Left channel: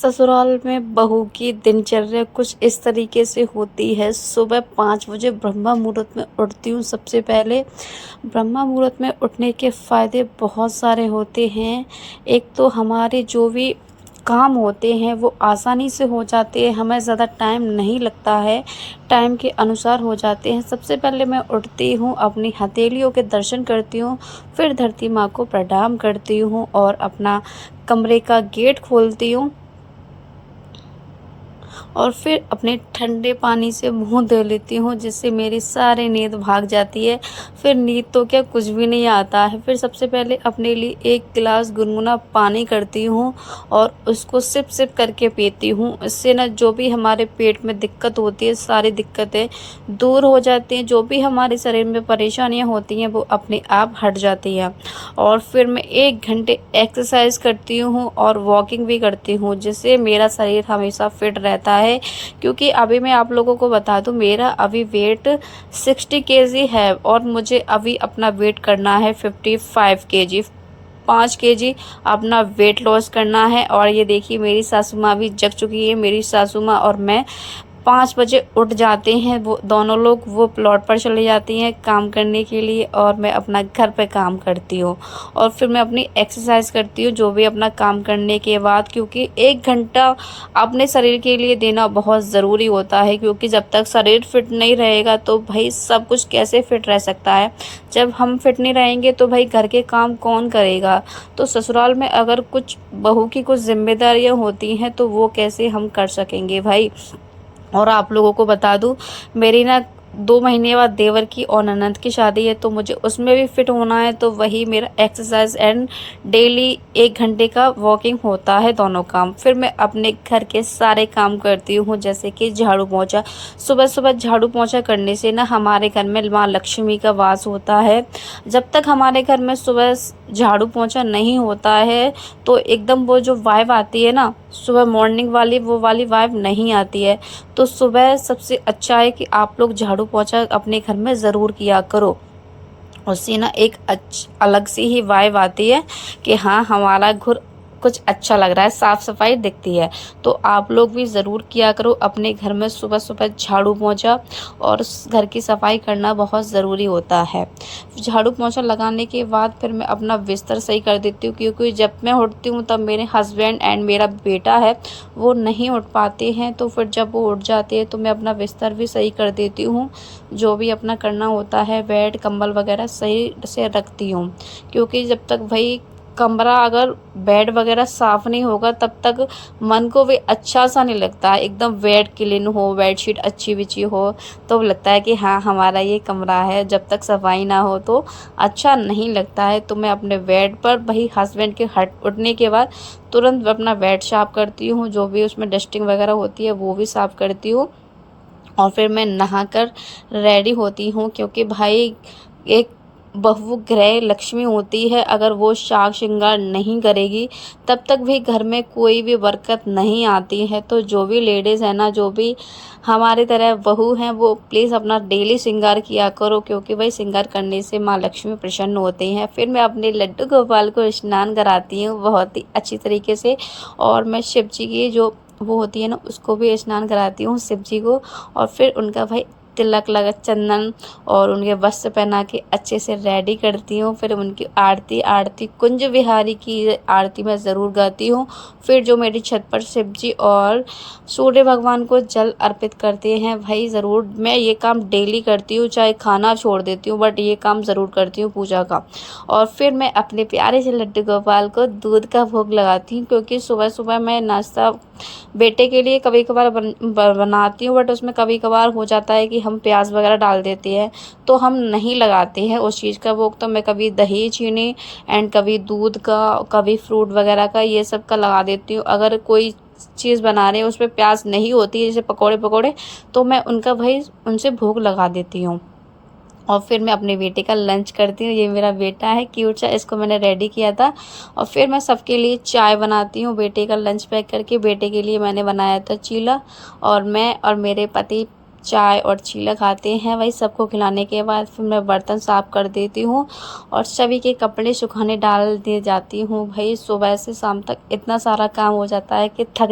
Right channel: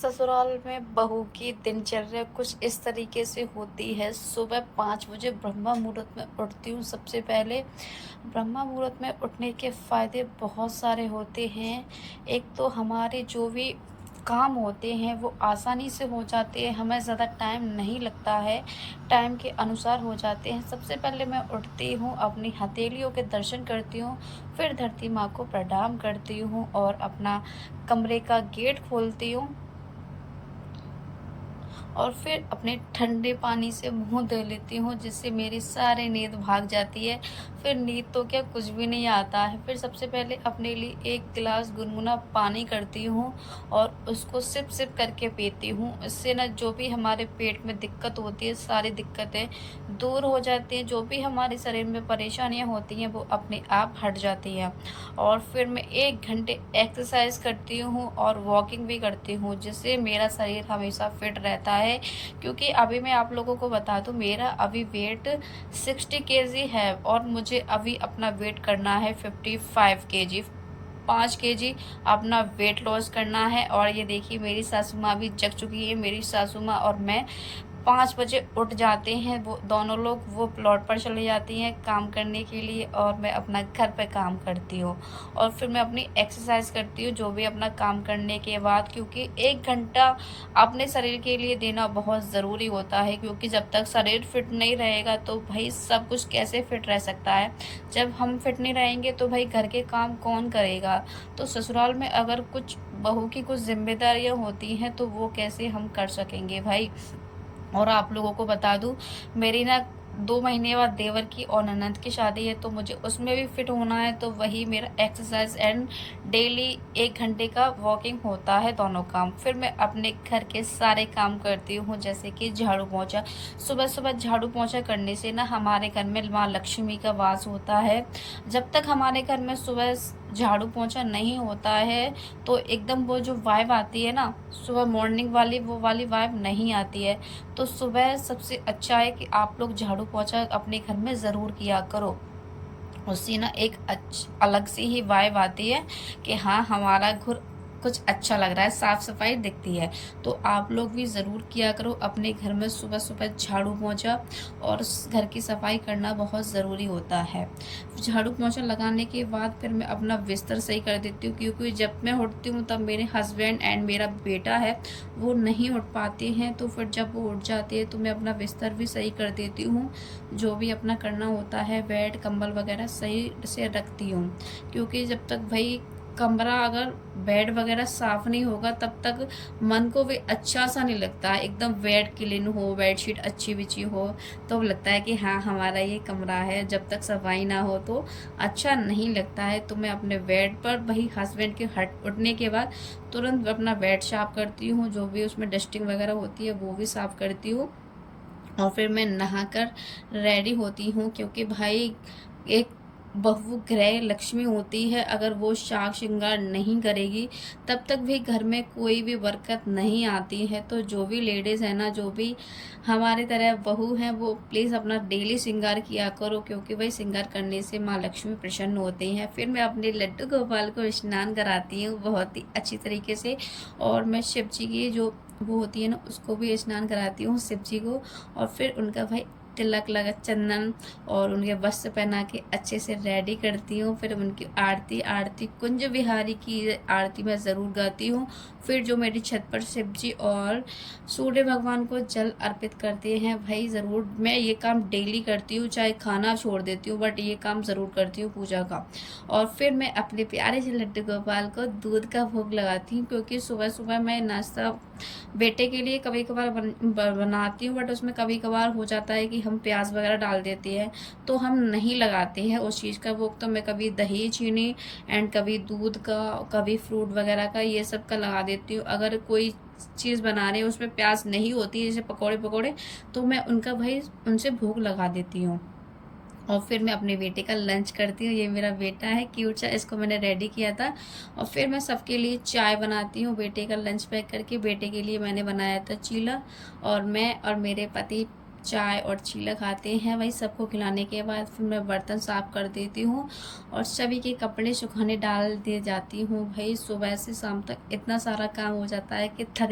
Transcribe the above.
ससुराल में बहू की दिनचर्या कुछ इस तरीके से होती है। सुबह 5 बजे ब्रह्मा मुहूर्त में उठती हूँ। सबसे पहले ब्रह्मा मुहूर्त में उठने के फ़ायदे बहुत सारे होते हैं। एक तो हमारे जो भी काम होते हैं वो आसानी से हो जाते हैं, हमें ज़्यादा टाइम नहीं लगता है, टाइम के अनुसार हो जाते हैं। सबसे पहले मैं उठती हूँ, अपनी हथेलियों के दर्शन करती हूँ, फिर धरती माँ को प्रणाम करती हूँ और अपना कमरे का गेट खोलती हूँ और फिर अपने ठंडे पानी से मुँह धो लेती हूँ, जिससे मेरी सारी नींद भाग जाती है। फिर नींद तो क्या, कुछ भी नहीं आता है। फिर सबसे पहले अपने लिए 1 गिलास गुनगुना पानी करती हूँ और उसको सिप सिप करके पीती हूँ। इससे ना जो भी हमारे पेट में दिक्कत होती है, सारी दिक्कतें दूर हो जाती हैं। जो भी हमारे शरीर में परेशानियाँ होती हैं वो अपने आप हट जाती हैं। और फिर मैं 1 घंटे एक्सरसाइज करती हूँ और वॉकिंग भी करती हूँ, जिससे मेरा शरीर हमेशा फिट रहता है। क्योंकि अभी मैं आप लोगों को बता दूं, मेरा अभी वेट 60 केजी है और मुझे अभी अपना वेट करना है 55 केजी। 5 केजी अपना वेट लॉस करना है। और ये देखिए, मेरी सासू माँ भी जग चुकी है। मेरी सासू माँ और मैं 5 बजे उठ जाते हैं। वो दोनों लोग वो प्लॉट पर चले जाती हैं काम करने के लिए और मैं अपना घर पे काम करती हूँ। और फिर मैं अपनी एक्सरसाइज करती हूँ, जो भी अपना काम करने के बाद, क्योंकि 1 घंटा अपने शरीर के लिए देना बहुत ज़रूरी होता है। क्योंकि जब तक शरीर फिट नहीं रहेगा तो भाई सब कुछ कैसे फिट रह सकता है। जब हम फिट नहीं रहेंगे तो भाई घर के काम कौन करेगा। तो ससुराल में अगर कुछ बहू की कुछ जिम्मेदारियां होती हैं तो वो कैसे हम कर सकेंगे भाई। और आप लोगों को बता दूं, मेरी ना 2 महीने बाद देवर की और ननद की शादी है, तो मुझे उसमें भी फिट होना है। तो वही मेरा एक्सरसाइज एंड डेली 1 घंटे का वॉकिंग होता है, दोनों काम। फिर मैं अपने घर के सारे काम करती हूँ, जैसे कि झाड़ू पोंछा। सुबह सुबह झाड़ू पोंछा करने से ना हमारे घर में माँ लक्ष्मी का वास होता है। जब तक हमारे घर में सुबह झाड़ू पोंछा नहीं होता है तो एकदम वो जो वाइब आती है ना, सुबह मॉर्निंग वाली, वो वाली वाइब नहीं आती है। तो सुबह सबसे अच्छा है कि आप लोग झाड़ू पोंछा अपने घर में ज़रूर किया करो। उससे ना एक अलग सी ही वाइब आती है कि हाँ, हमारा घर कुछ अच्छा लग रहा है, साफ सफाई दिखती है। तो आप लोग भी ज़रूर किया करो अपने घर में सुबह सुबह झाड़ू पोंछा। और घर की सफाई करना बहुत ज़रूरी होता है। झाड़ू पोंछा लगाने के बाद फिर मैं अपना बिस्तर सही कर देती हूँ, क्योंकि जब मैं उठती हूँ तब मेरे हस्बैंड एंड मेरा बेटा है वो नहीं उठ पाते हैं। तो फिर जब वो उठ जाते हैं तो मैं अपना बिस्तर भी सही कर देती हूँ। जो भी अपना करना होता है, बेड कंबल वगैरह सही से रखती हूँ। क्योंकि जब तक भाई कमरा, अगर बेड वगैरह साफ नहीं होगा तब तक मन को भी अच्छा सा नहीं लगता है। एकदम बेड क्लीन हो, बेडशीट अच्छी बिछी हो तो लगता है कि हाँ, हमारा ये कमरा है। जब तक सफाई ना हो तो अच्छा नहीं लगता है। तो मैं अपने बेड पर भाई हस्बैंड के हट उठने के बाद तुरंत अपना बेड साफ करती हूँ। जो भी उसमें डस्टिंग वगैरह होती है वो भी साफ करती हूँ। और फिर मैं नहाकर रेडी होती हूँ, क्योंकि भाई एक बहू गृह लक्ष्मी होती है। अगर वो साज श्रृंगार नहीं करेगी तब तक भी घर में कोई भी बरकत नहीं आती है। तो जो भी लेडीज़ है ना, जो भी हमारी तरह बहू हैं, वो प्लीज़ अपना डेली श्रृंगार किया करो, क्योंकि भाई श्रृंगार करने से माँ लक्ष्मी प्रसन्न होती हैं। फिर मैं अपने लड्डू गोपाल को स्नान कराती हूँ बहुत ही अच्छी तरीके से। और मैं शिव जी की जो वो होती है ना, उसको भी स्नान कराती हूँ, शिव जी को। और फिर उनका भाई तिलक लगा, चंदन और उनके वस्त्र पहना के अच्छे से रेडी करती हूँ। फिर उनकी आरती आरती कुंज बिहारी की आरती मैं ज़रूर गाती हूँ। फिर जो मेरी छत पर शिव जी और सूर्य भगवान को जल अर्पित करते हैं, भाई ज़रूर मैं ये काम डेली करती हूँ। चाहे खाना छोड़ देती हूँ बट ये काम ज़रूर करती हूँ पूजा का। और फिर मैं अपने प्यारे से लड्डू गोपाल को दूध का भोग लगाती हूँ, क्योंकि सुबह सुबह मैं नाश्ता बेटे के लिए कभी कभार बनाती हूँ, बट उसमें कभी कभार हो जाता है कि हम प्याज वगैरह डाल देते हैं तो हम नहीं लगाते हैं उस चीज़ का भोग। तो मैं कभी दही चीनी एंड कभी दूध का, कभी फ्रूट वगैरह का, ये सब का लगा देती हूँ। अगर कोई चीज़ बना रहे हैं उसमें प्याज नहीं होती है, जैसे पकोड़े पकोड़े, तो मैं उनका भाई उनसे भोग लगा देती हूँ। और फिर मैं अपने बेटे का लंच करती हूँ। ये मेरा बेटा है क्यूट सा, इसको मैंने रेडी किया था। और फिर मैं सबके लिए चाय बनाती हूँ। बेटे का लंच पैक करके बेटे के लिए मैंने बनाया था चीला, और मैं और मेरे पति चाय और चीला खाते हैं। वही सबको खिलाने के बाद फिर मैं बर्तन साफ कर देती हूँ और सभी के कपड़े सुखाने डाल दिए जाती हूँ। भाई सुबह से शाम तक इतना सारा काम हो जाता है कि थक